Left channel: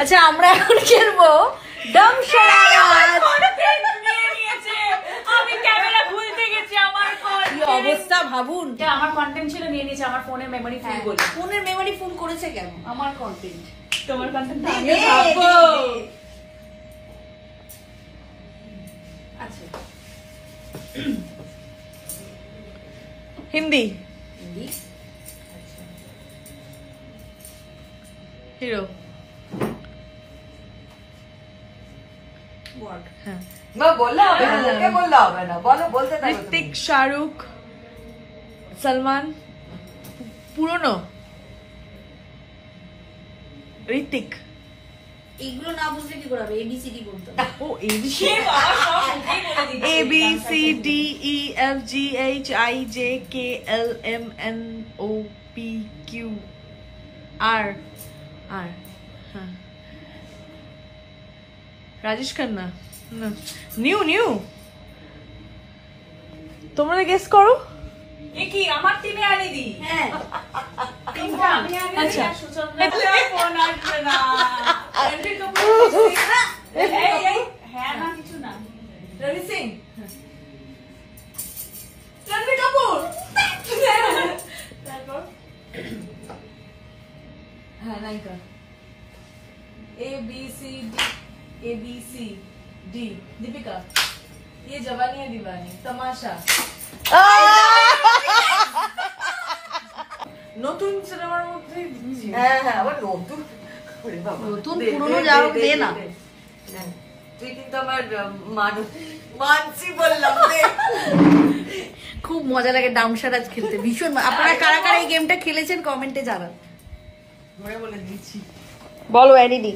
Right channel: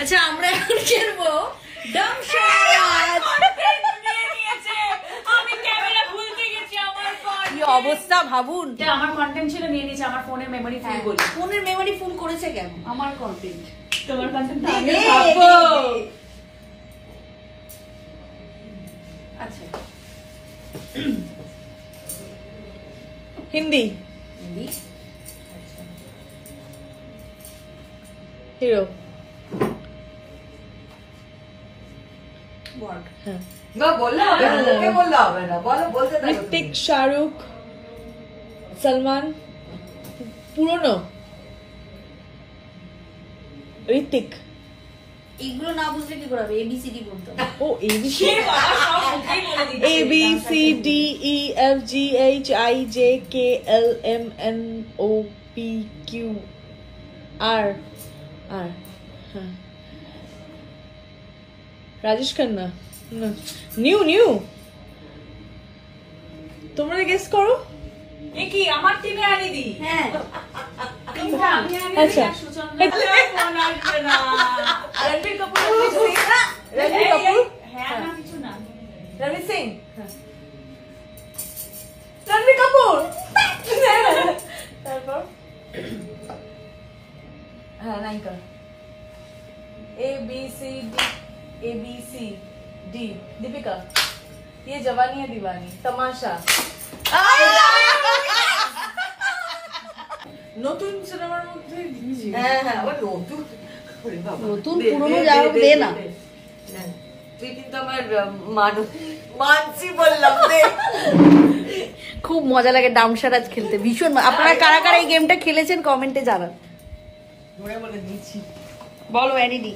আচ্ছা আমরা এখন খেলবো কি অবস্থা ভাবুন। আমার কন্টেন্ট ছিল নিয়ে নিয়েছে আমার ফোনের মেমোরি ফুল বলে। ফোনের মেমোরি ফুল করেছে কেন? আমার কন্টেন্ট তোমার কন্টেন্ট আচ্ছা হিন্দি হিরো হ্যাঁ ঋত্বিক শাহরুখ সলমান পুরনো ঋত্বিক এগুলো না বুঝলে কি করে হবে? এবিসিডি বলতে হবে। ও ABC A B C D E F G H I J K L M N O P Q R R হ্যাঁ রাজেশ খান্না না নিউ নিউ তোমরা গেস করো কি আমার টিমে আনি দি। হ্যাঁ আচ্ছা রবি সিং রণবীর কাপুর তারপর হ্যাঁ নায়িকা A B C D Deepika Yeh Jawaani है दीवानी तमाशा নতুন সিনেমার মধ্যে হ্যাঁ হ্যাঁ আবার নতুন নতুন পুরনো যা হোক দে না তুই কিন্তু আমার মানসি বললাম খুব মজা লাগে ডামসারাজ খেলতে ভীষণ আপনারা কারা কারা এই গেমটা খেলেছেন কমেন্টে জানান বলে দিচ্ছি বলো এনিডি